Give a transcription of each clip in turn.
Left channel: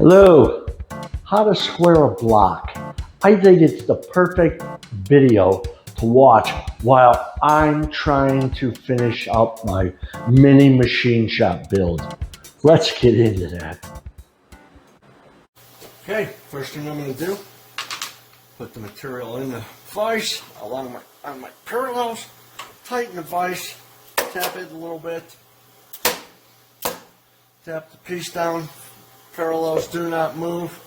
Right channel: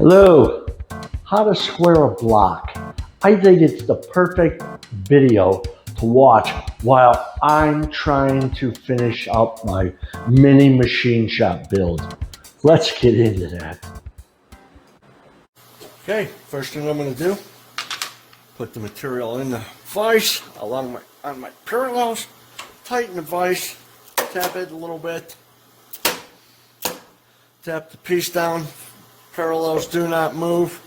Hello, how to square a block. I think it's the perfect video to watch while I'm trying to finish up my mini machine shop build. Let's get into that. Okay, first thing I'm going to do, put the material in the vise on my parallels, tighten the vise, tap it a little bit, tap the piece down, parallels do not move,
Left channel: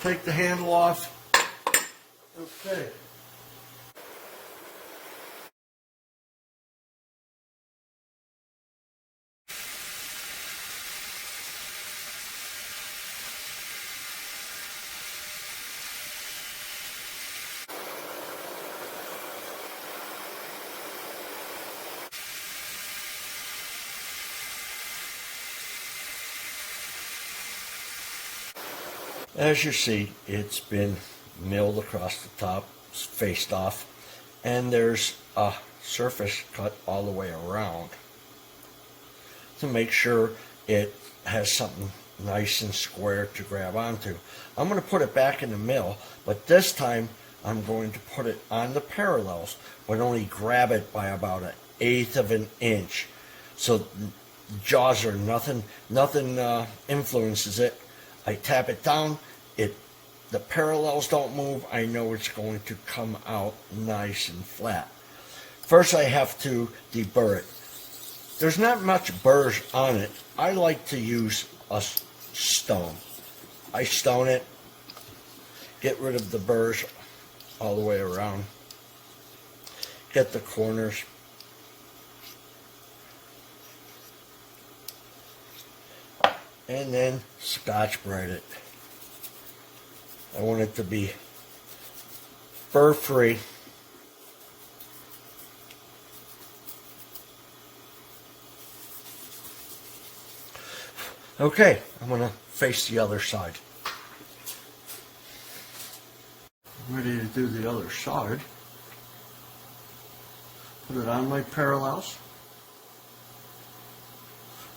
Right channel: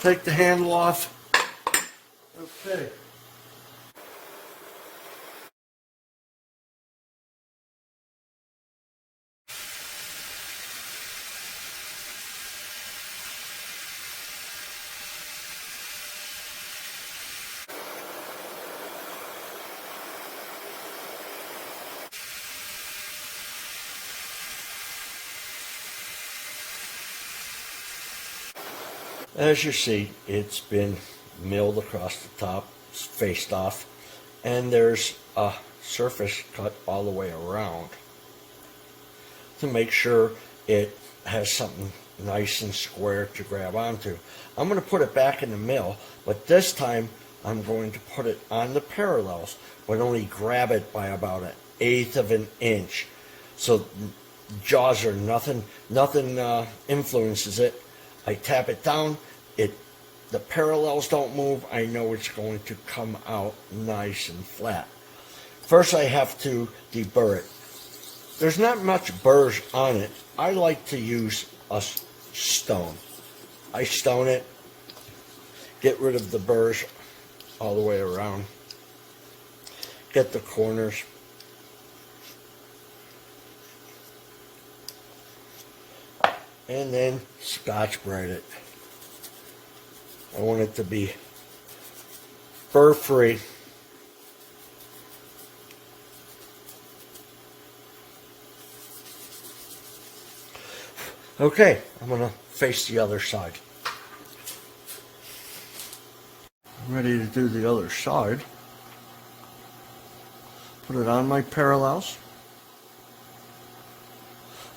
take the handle off. Okay. As you see, it's been milled across the top, faced off, and there's a surface cut all the way around to make sure it has something nice and square to grab onto. I'm going to put it back in the mill, but this time I'm going to put it on the parallels, but only grab it by about 1/8 of an inch. So the jaws are nothing influences it. I tap it down, the parallels don't move. I know it's going to come out nice and flat. First I have to deburr it. There's not much burrs on it. I like to use a stone. I stone it, get rid of the burrs all the way around, get the corners, and then Scotch-Brite it. I want it to be burr-free. Okay, I'm going to face the other side. I'm ready to do the other side. Put it on my parallels,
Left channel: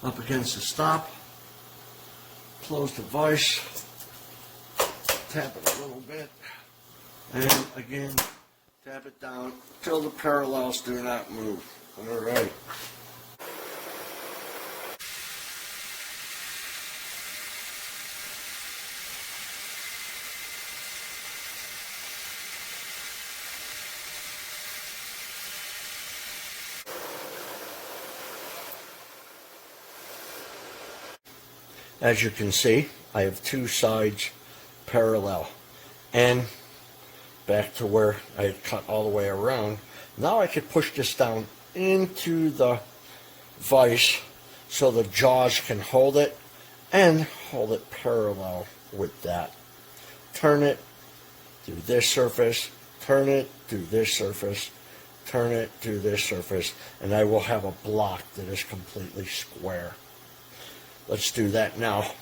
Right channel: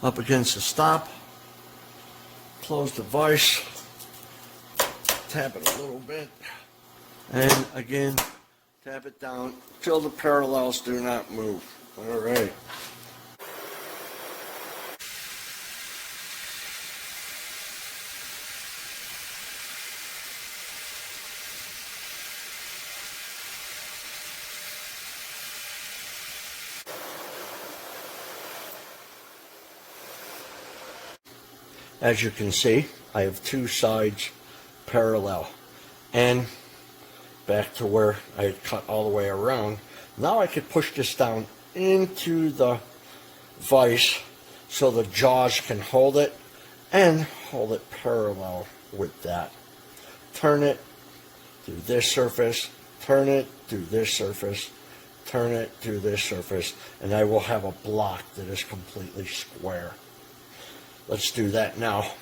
up against the stop, close the vise, tap it a little bit, and again, tap it down until the parallels do not move. All right. As you can see, I have two sides parallel, and back to where I had cut all the way around. Now I could push this down into the vise so the jaws can hold it and hold it parallel with that. Turn it through this surface, turn it through this surface, turn it through this surface, and I will have a block that is completely square. Let's do that now.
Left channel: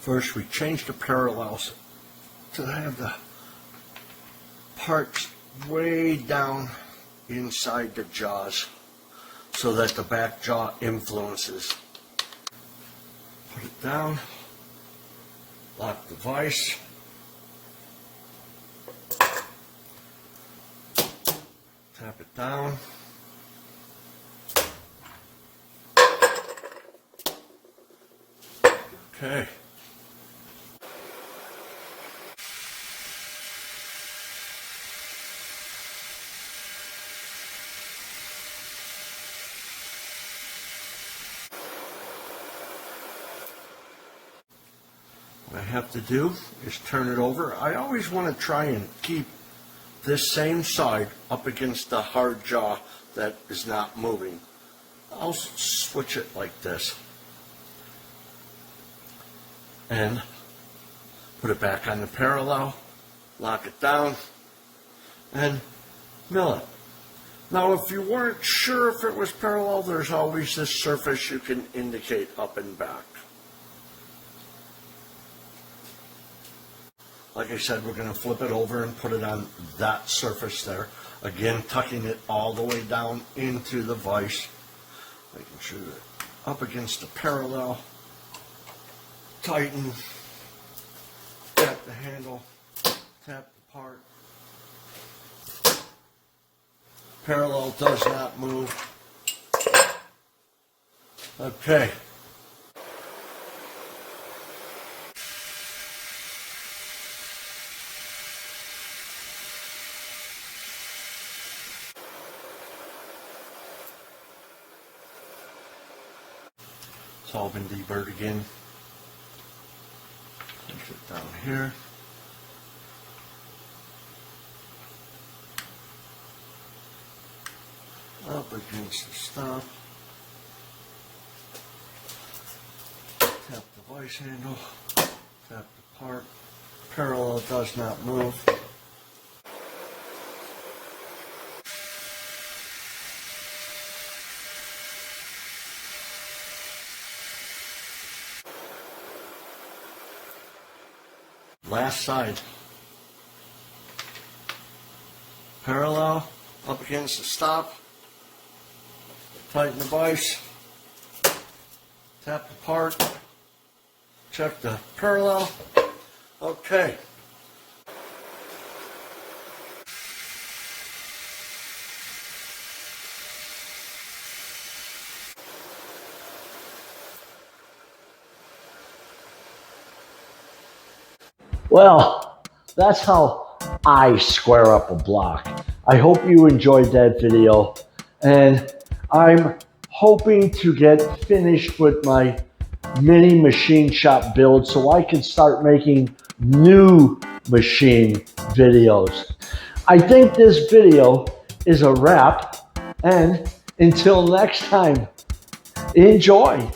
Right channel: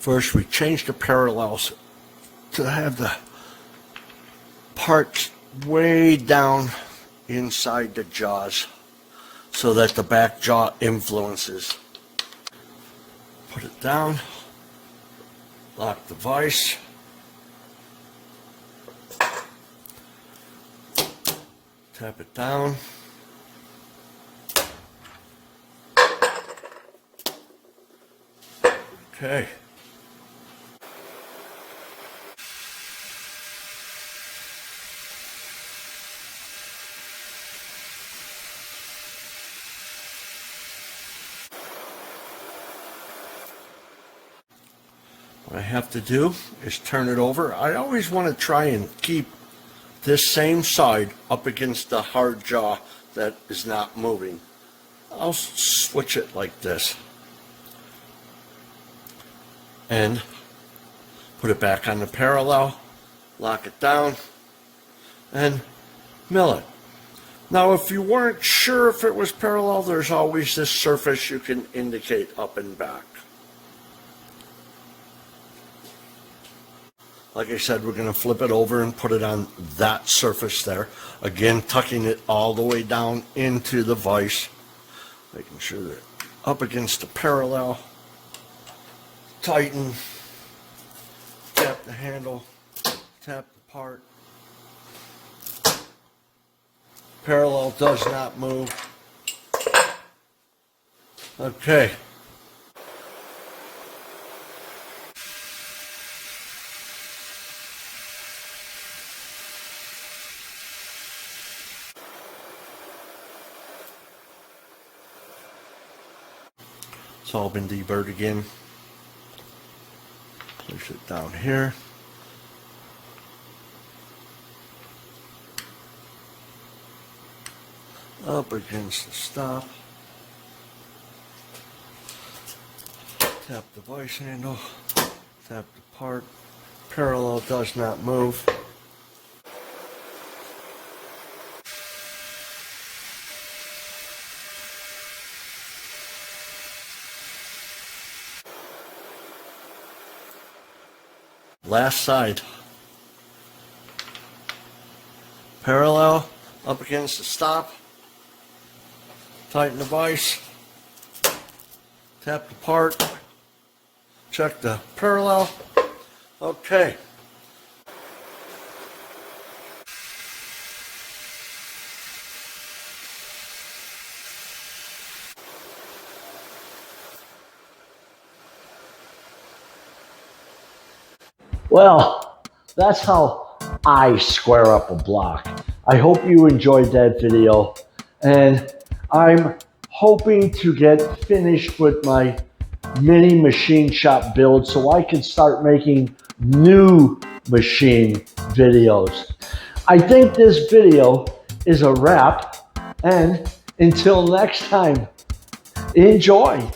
First, we change the parallels to have the parts way down inside the jaws so that the back jaw influences. Put it down, lock the vise, tap it down. Okay. What I have to do is turn it over. I always want to try and keep this same side up against the hard jaw that is not moving. I'll switch it like this and put it back on the parallel, lock it down, and mill it. Now, if you weren't sure if it was parallel, there's always this surface you can indicate up and back. Like I said, we're going to flip it over and put it on that surface there. Again, tucking it all the way down into the vise, making sure that up against the parallel, tighten, tap the handle, tap the part. Parallel does not move. Okay. It's all been deburred again. Push it down here. Up against the stop. Tap the vice handle. Tap the part. Parallel does not move. Last side. Parallel up against the stop. Tighten the vise. Tap the part. Check the parallel. Okay. Well, that's how I square up a block. I hope you enjoyed that video, and I'm hoping to get finished with my mini machine shop build so I can start making new machine videos. I think this video is a wrap, and until next time, enjoy.